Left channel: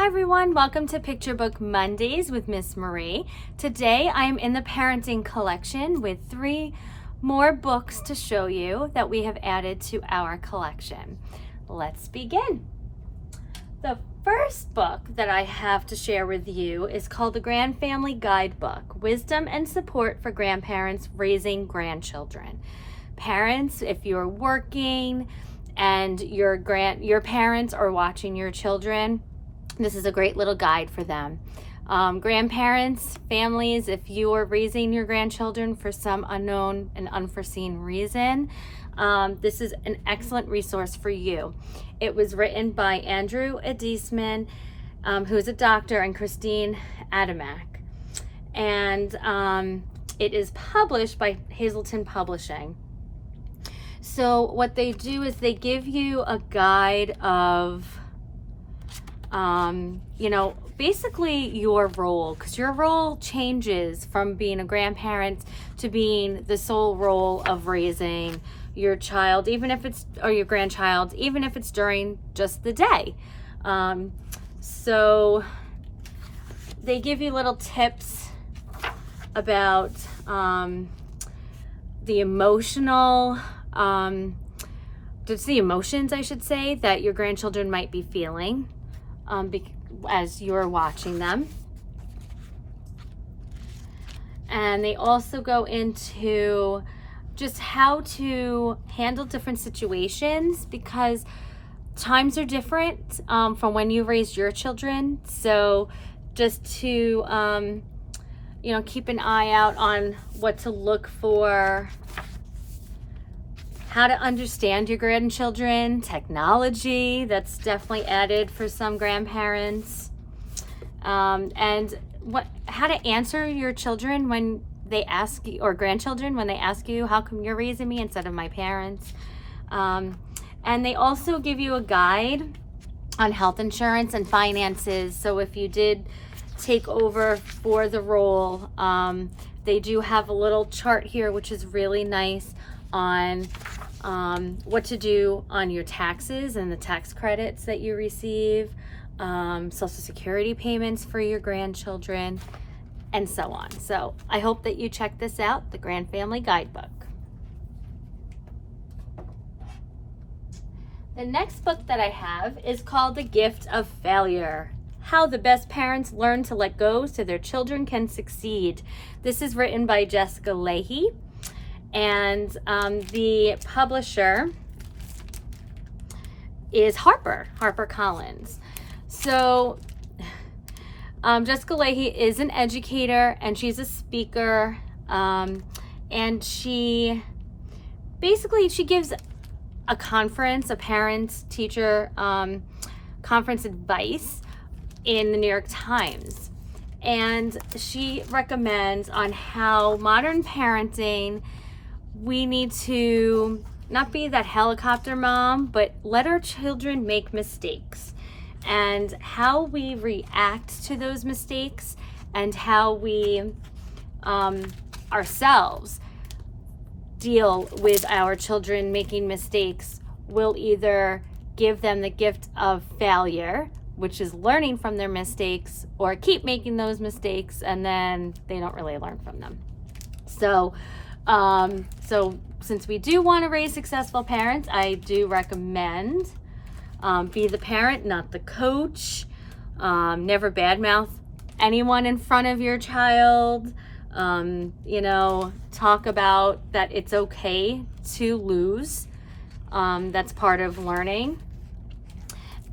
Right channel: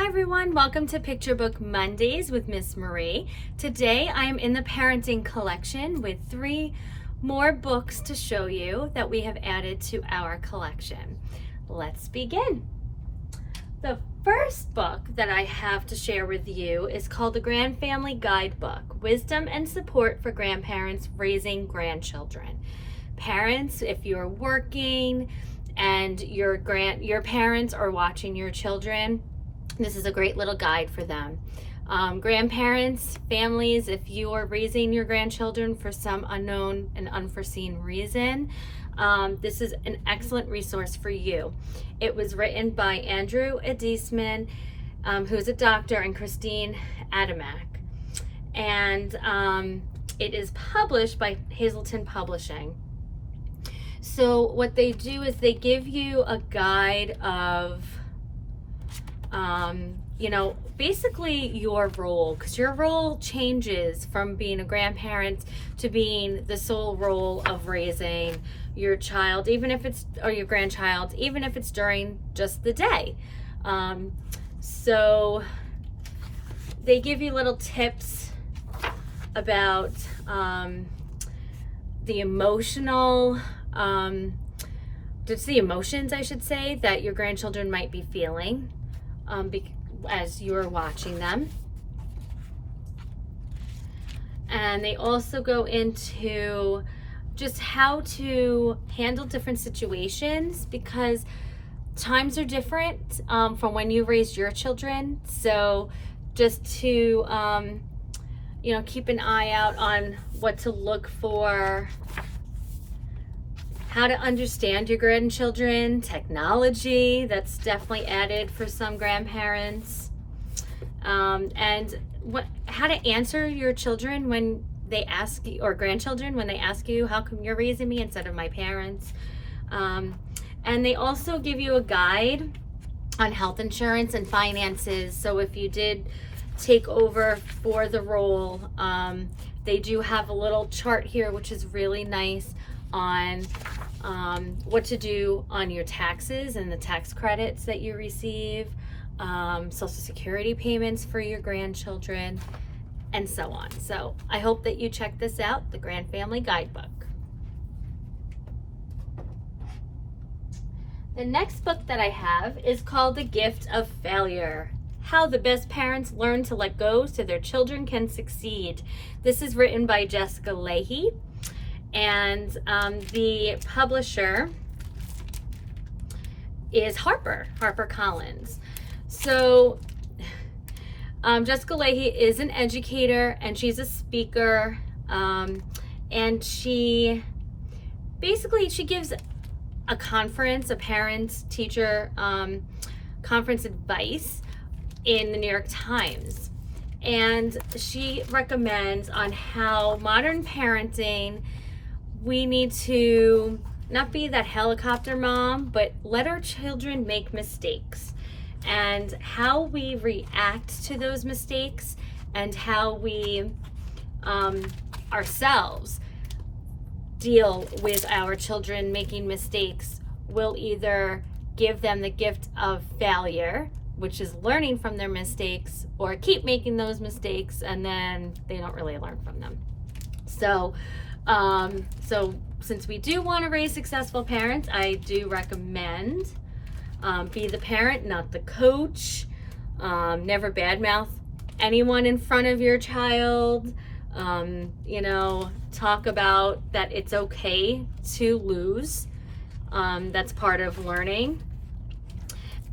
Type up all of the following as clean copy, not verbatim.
Hi everyone, welcome to Picture Book Mondays with Miss Marie. Today I am in the parenting collection with 3 more books to show you that we have added to our collection. Let's begin. The first book that I have to share with you is called the Grandfamily Guidebook, Wisdom and Support for Grandparents Raising Grandchildren. Parents, if you're working and your parents are watching your children, this is a great little guide for them. Grandparents, families, if you are raising your grandchildren for some unknown and unforeseen reason, this is an excellent resource for you. It was written by Andrew Adesman, who's a doctor, and Chrstine Adamec. And it is published by Hazelden Publishing. So what they do is they give you a guide of basically your role, because your role changes from being a grandparent to being the sole role of raising your child, or your grandchild, even if it's during just the day. So they give you little tips about the emotions, I should say, that your grandchildren might be feeling as you're watching them. And they also go into just how to handle different situations, because times are different from when you raised your children. So just to keep an eye out on what to look for, how to understand your grandchildren, technology that's definitely added for some grandparents, and how to answer your children when they ask you, or grandchildren when they ask you, how come you're raising me instead of my parents? And they also give you a guide on health insurance and finances. So if you did take over for the role, they do have a little chart here, which is really nice, on what to do on your taxes and the tax credits that you receive, Social Security payments for your grandchildren, and so on. So I hope that you check this out, the Grandfamily Guidebook. The next book that I have is called The Gift of Failure: How the Best Parents Learn to Let Go so Their Children Can Succeed. This is written by Jessica Lahey, and the publisher is Harper Collins. So Jessica Lahey is an educator, and she's a speaker, and she gives a conference, a parent-teacher conference advice in the New York Times. And she recommends on how modern parenting, we need to not be that helicopter mom, but let our children make mistakes, and how we react to those mistakes, and how we ourselves deal with our children making mistakes will either give them the gift of failure, which is learning from their mistakes, or keep making those mistakes and then they don't really learn from them. So since we do want to raise successful parents, I do recommend be the parent, not the coach. Never badmouth anyone in front of your child. Talk about that it's okay to lose. That's part of learning.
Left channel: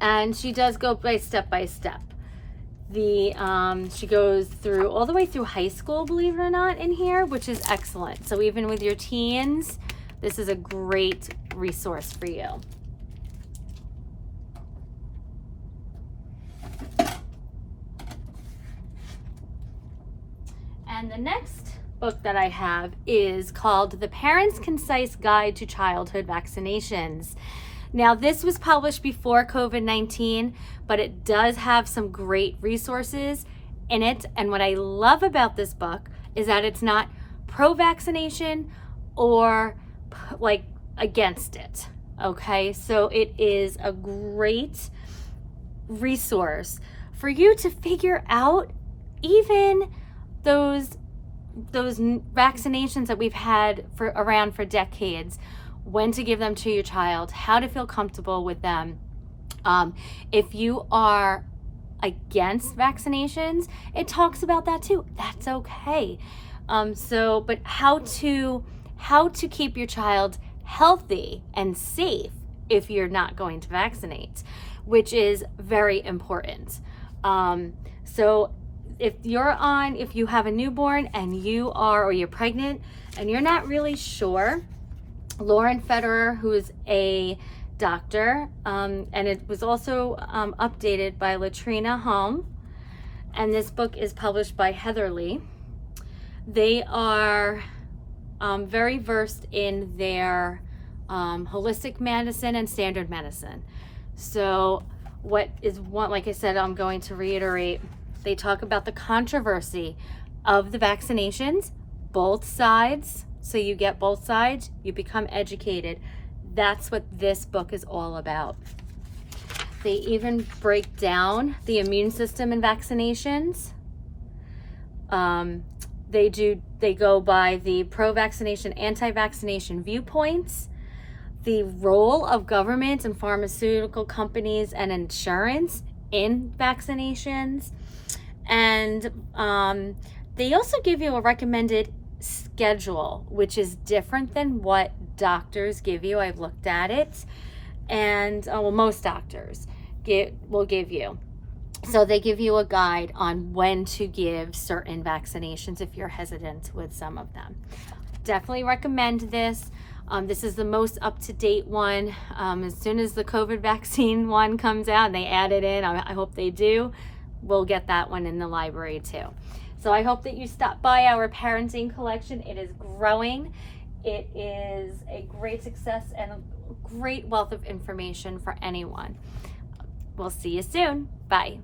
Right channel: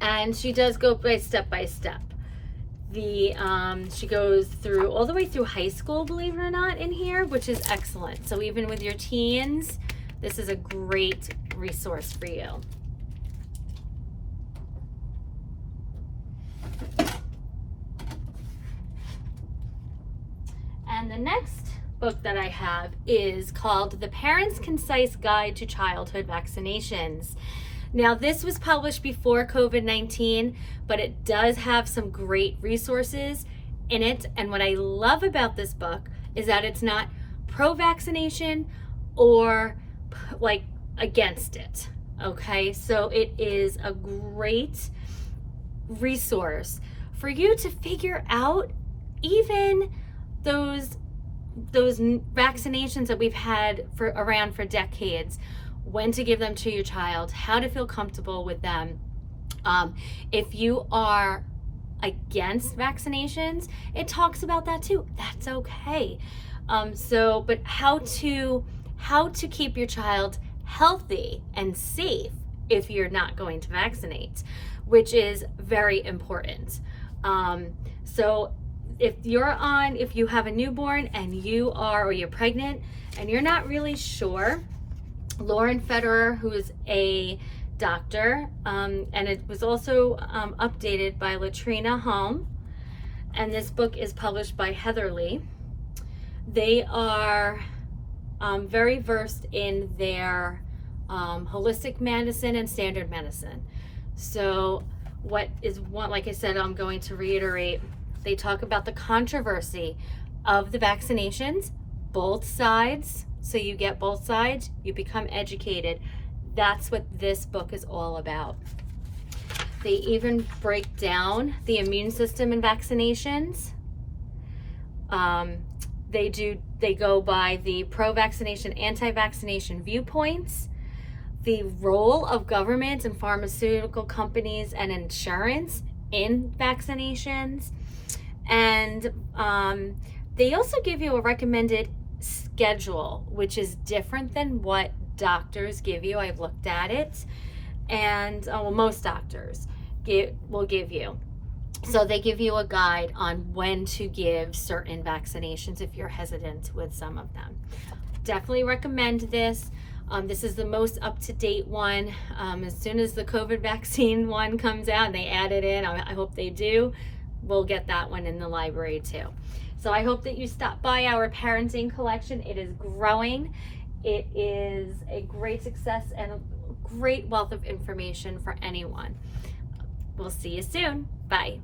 And she does go step by step. She goes through all the way through high school, believe it or not, in here, which is excellent. So even with your teens, this is a great resource for you. And the next book that I have is called The Parent's Concise Guide to Childhood Vaccinations. Now, this was published before COVID-19, but it does have some great resources in it. And what I love about this book is that it's not pro-vaccination or against it. Okay, so it is a great resource for you to figure out even those vaccinations that we've had around for decades, when to give them to your child, how to feel comfortable with them. If you are against vaccinations, it talks about that too. That's okay. But how to keep your child healthy and safe if you're not going to vaccinate, which is very important. So if you have a newborn and or you're pregnant and you're not really sure, Lauren Federer, who is a doctor, and it was also updated by Letrinh Hoang, and this book is published by Heatherleigh. They are very versed in their holistic medicine and standard medicine. So like I said, I'm going to reiterate, they talk about the controversy of the vaccinations, both sides. So you get both sides, you become educated. That's what this book is all about. They even break down the immune system in vaccinations. They go by the pro-vaccination, anti-vaccination viewpoints, the role of governments and pharmaceutical companies and insurance in vaccinations. And they also give you a recommended schedule, which is different than what doctors give you. I've looked at it, and most doctors will give you. So they give you a guide on when to give certain vaccinations if you're hesitant with some of them. Definitely recommend this. This is the most up-to-date one. As soon as the COVID vaccine one comes out and they add it in, I hope they do, we'll get that one in the library too. So I hope that you stop by our parenting collection. It is growing. It is a great success and a great wealth of information for anyone. We'll see you soon. Bye.